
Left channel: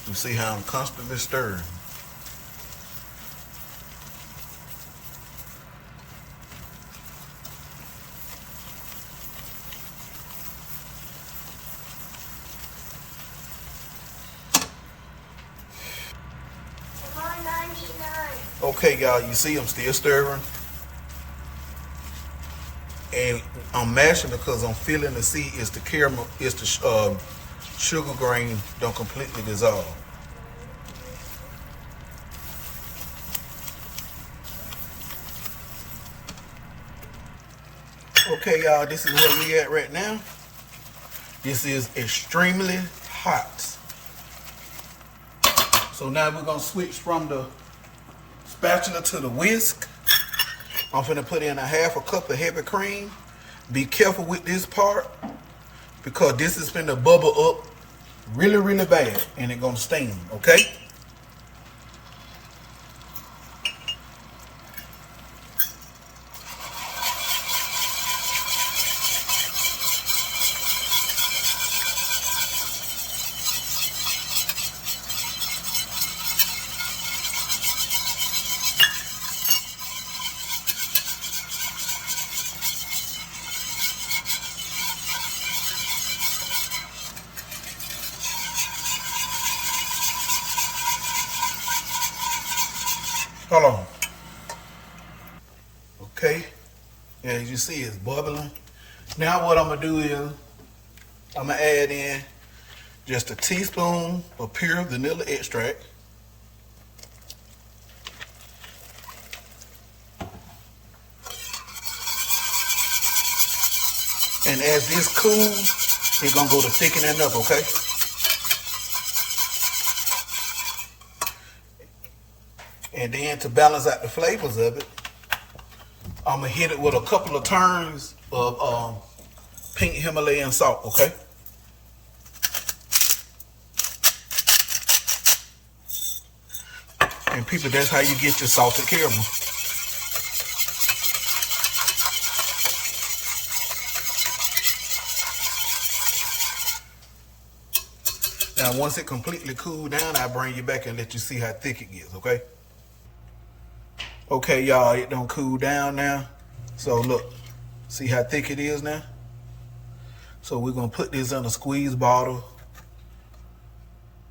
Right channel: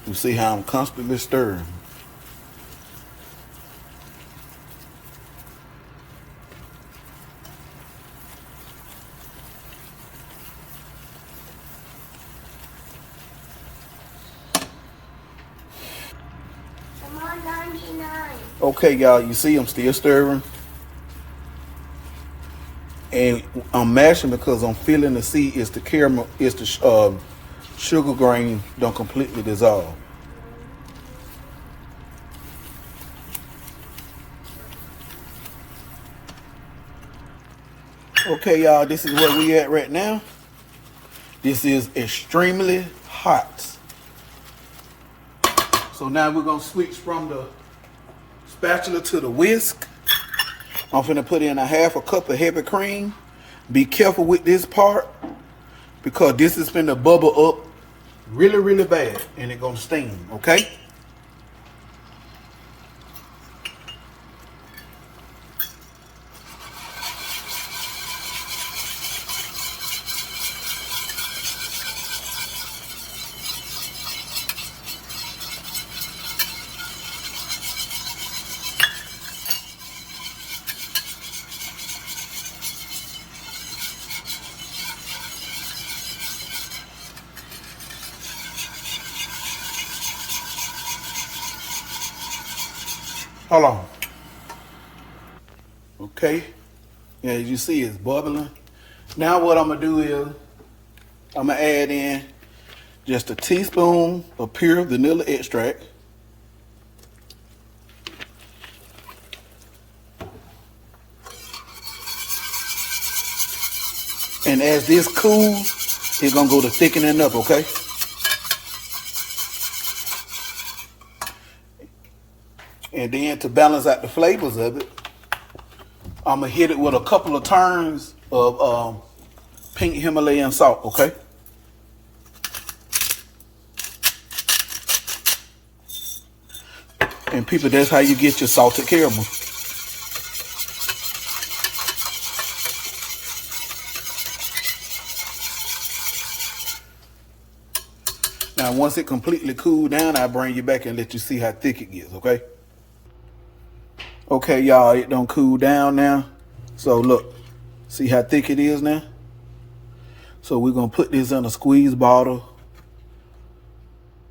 You see how I'm constantly stirring. Okay, y'all, you see I'm still stirring. And I'm mashing because I'm feeling to see is the caramel, is the sugar grain don't completely dissolve. Okay, y'all, this is where we at right now. This is extremely hot. So now we're gonna switch from the spatula to the whisk. I'm finna put in a half a cup of heavy cream. Be careful with this part because this is finna bubble up really, really bad and it's gonna steam, okay? Hold on. Okay, as you see, it's bubbling. Now what I'm gonna do is I'm gonna add in just a teaspoon of pure vanilla extract. And as this cools, it's gonna go to thickening up, okay? And then to balance out the flavors of it, I'm gonna hit it with a couple of turns of pink Himalayan salt, okay? And people, that's how you get your salted caramel. Now, once it completely cooled down, I'll bring you back and let you see how thick it gets, okay? Okay, y'all, it don't cool down now. So look, see how thick it is now? So we're gonna put this in a squeeze bottle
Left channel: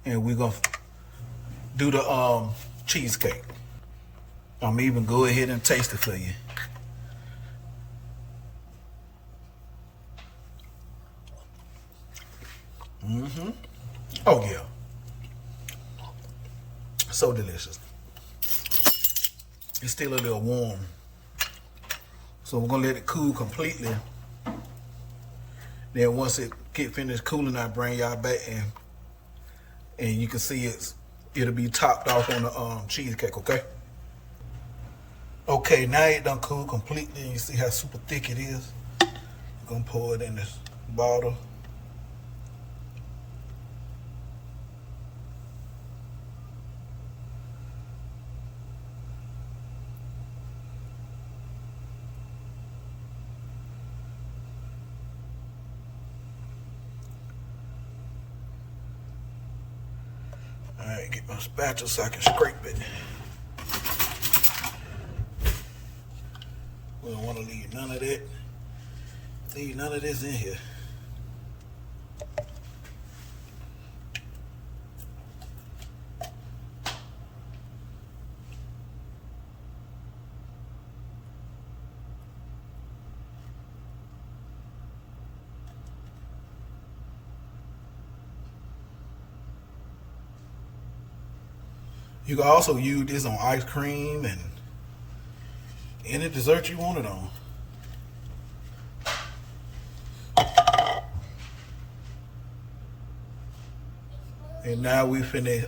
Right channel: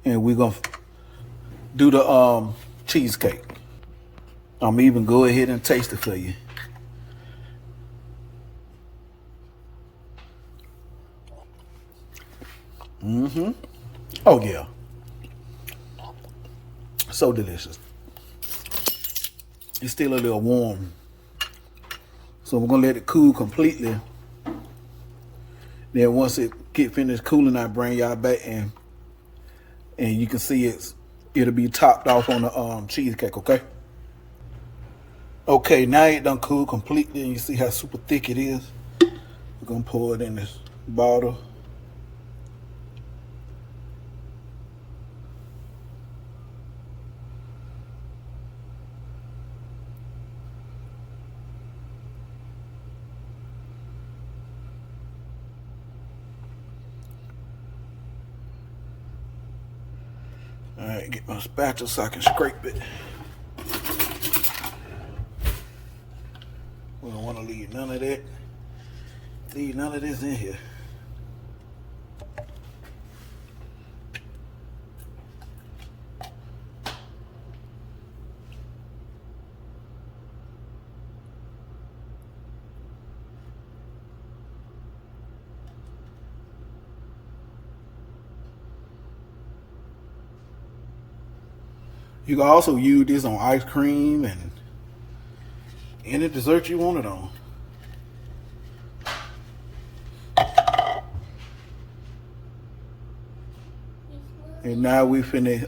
and we're gonna do the cheesecake. I'm even go ahead and taste it for you. Oh yeah. So delicious. It's still a little warm. So we're gonna let it cool completely. Then once it get finished cooling, I'll bring y'all back and you can see it'll be topped off on the cheesecake, okay? Okay, now it done cool completely. You see how super thick it is? We're gonna pour it in this bottle. Alright, get my spatula so I can scrape it. We don't want to leave none of that. Leave none of this in here. You can also use this on ice cream and any dessert you want it on. And now we finna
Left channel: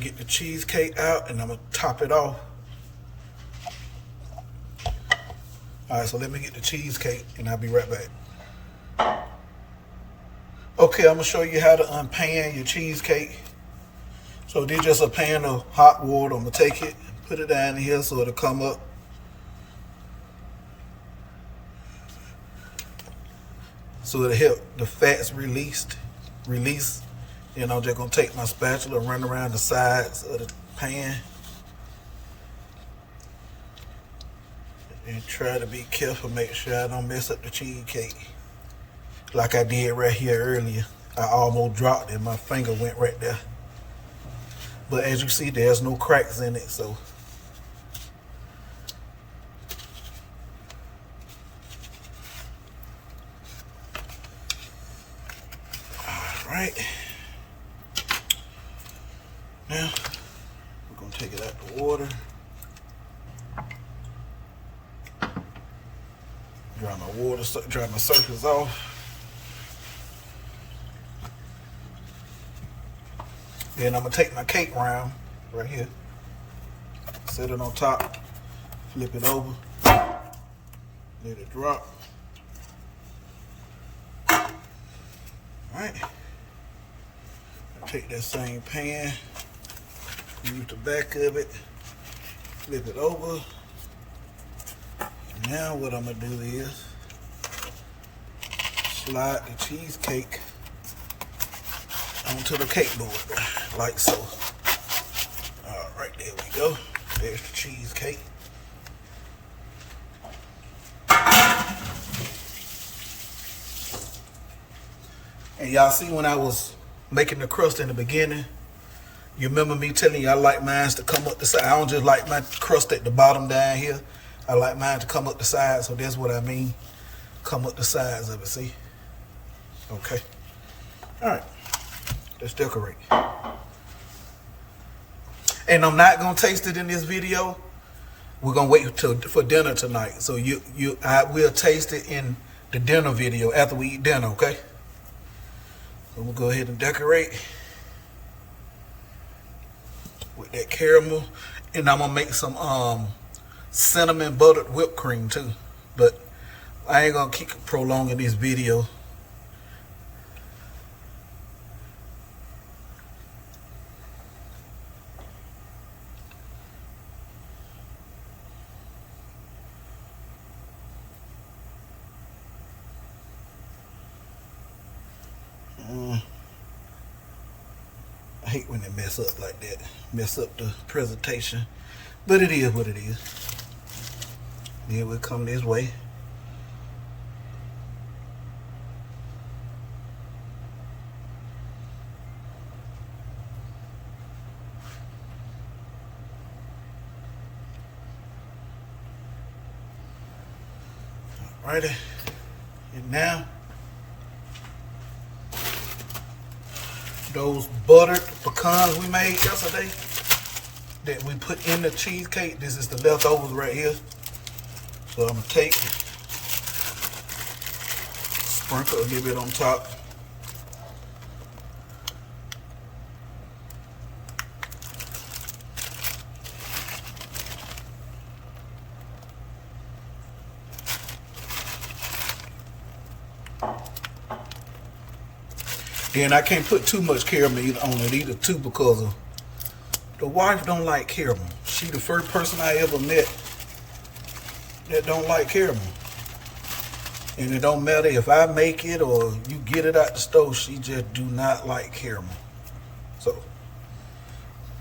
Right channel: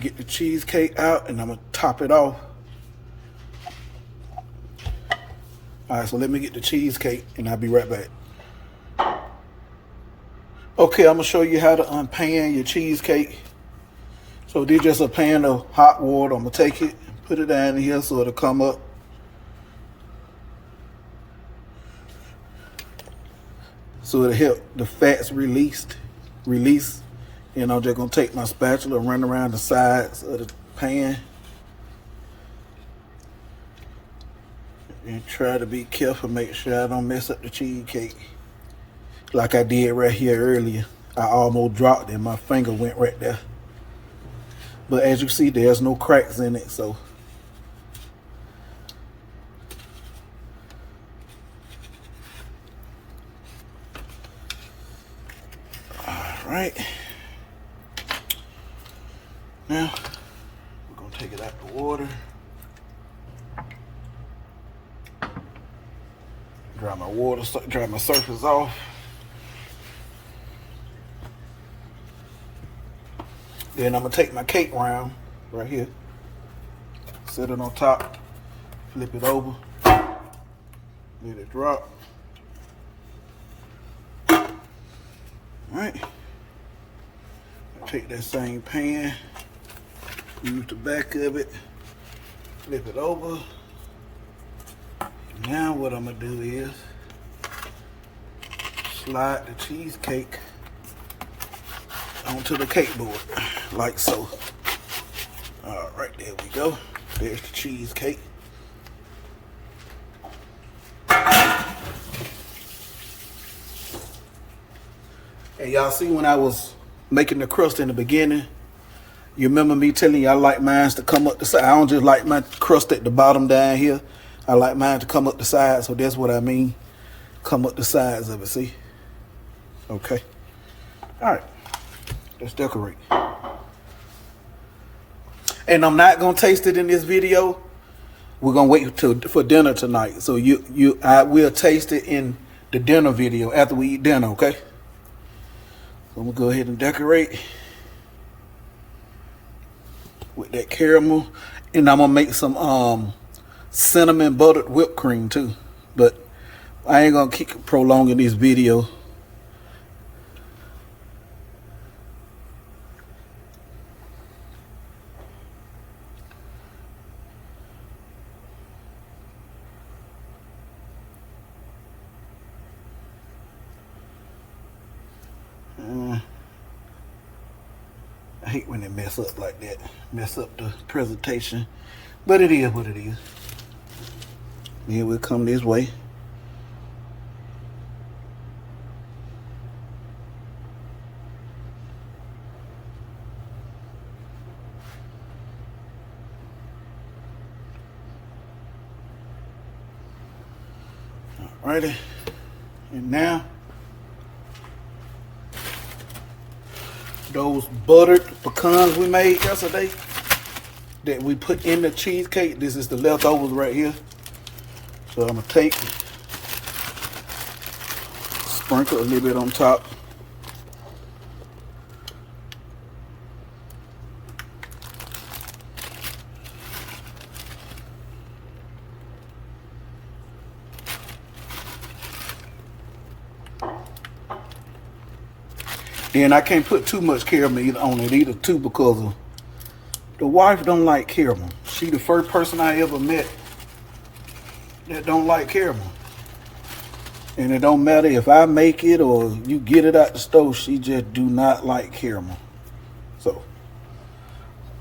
get the cheesecake out, and I'm gonna top it off. All right, so let me get the cheesecake, and I'll be right back. Okay, I'm gonna show you how to unpan your cheesecake. So this is just a pan of hot water. I'm gonna take it, put it down in here so it'll come up. So it'll help the fats release. And I'm just gonna take my spatula and run around the sides of the pan. And try to be careful, make sure I don't mess up the cheesecake. Like I did right here earlier. I almost dropped it, my finger went right there. But as you see, there's no cracks in it, so. All right. Now, we're gonna take it out the water. Dry my surface off. Then I'm gonna take my cake round right here, set it on top, flip it over, let it drop. All right. Take that same pan, use the back of it, flip it over. Now what I'm gonna do is slide the cheesecake onto the cake board, like so. All right, there we go. There's the cheesecake. And y'all see when I was making the crust in the beginning, you remember me telling you I like mine to come up the side. I don't just like my crust at the bottom down here. I like mine to come up the side, so that's what I mean. Come up the sides of it, see? Okay. All right. Let's decorate. And I'm not gonna taste it in this video. We're gonna wait for dinner tonight. So I will taste it in the dinner video after we eat dinner, okay? So I'm gonna go ahead and decorate with that caramel. And I'm gonna make some cinnamon buttered whipped cream too. But I ain't gonna keep prolonging this video. I hate when they mess up like that, mess up the presentation, but it is what it is. Here we come this way. Alrighty, and now those buttered pecans we made yesterday that we put in the cheesecake, this is the leftovers right here. So I'm gonna take, sprinkle a little bit on top. And I can't put too much caramel on it either too, because of the wife don't like caramel. She the first person I ever met that don't like caramel. And it don't matter if I make it or you get it out the stove, she just do not like caramel. So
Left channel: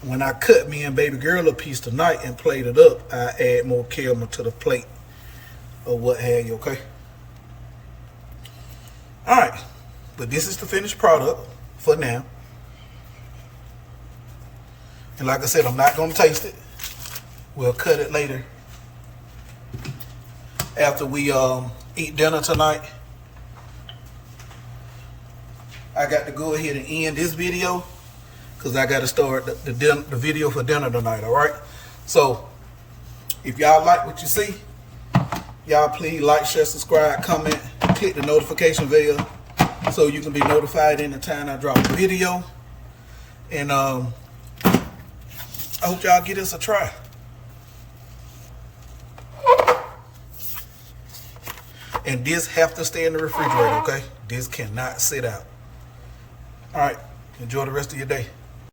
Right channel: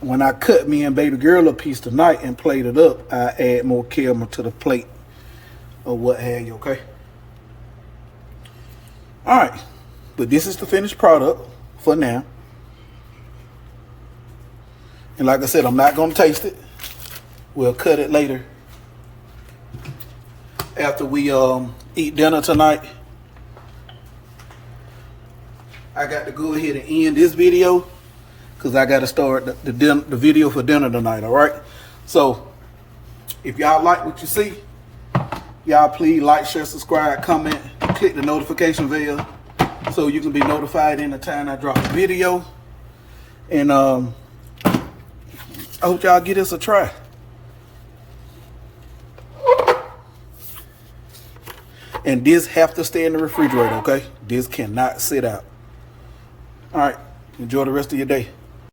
when I cut me and baby girl a piece tonight and plate it up, I add more caramel to the plate or what have you, okay? All right. But this is the finished product for now. And like I said, I'm not going to taste it. We'll cut it later after we eat dinner tonight. I got to go ahead and end this video because I got to start the video for dinner tonight. All right. So if y'all like what you see, y'all please like, share, subscribe, comment, click the notification bell so you can be notified anytime I drop a video. And I hope y'all give this a try. And this have to stay in the refrigerator, okay? This cannot sit out. All right. Enjoy the rest of your day.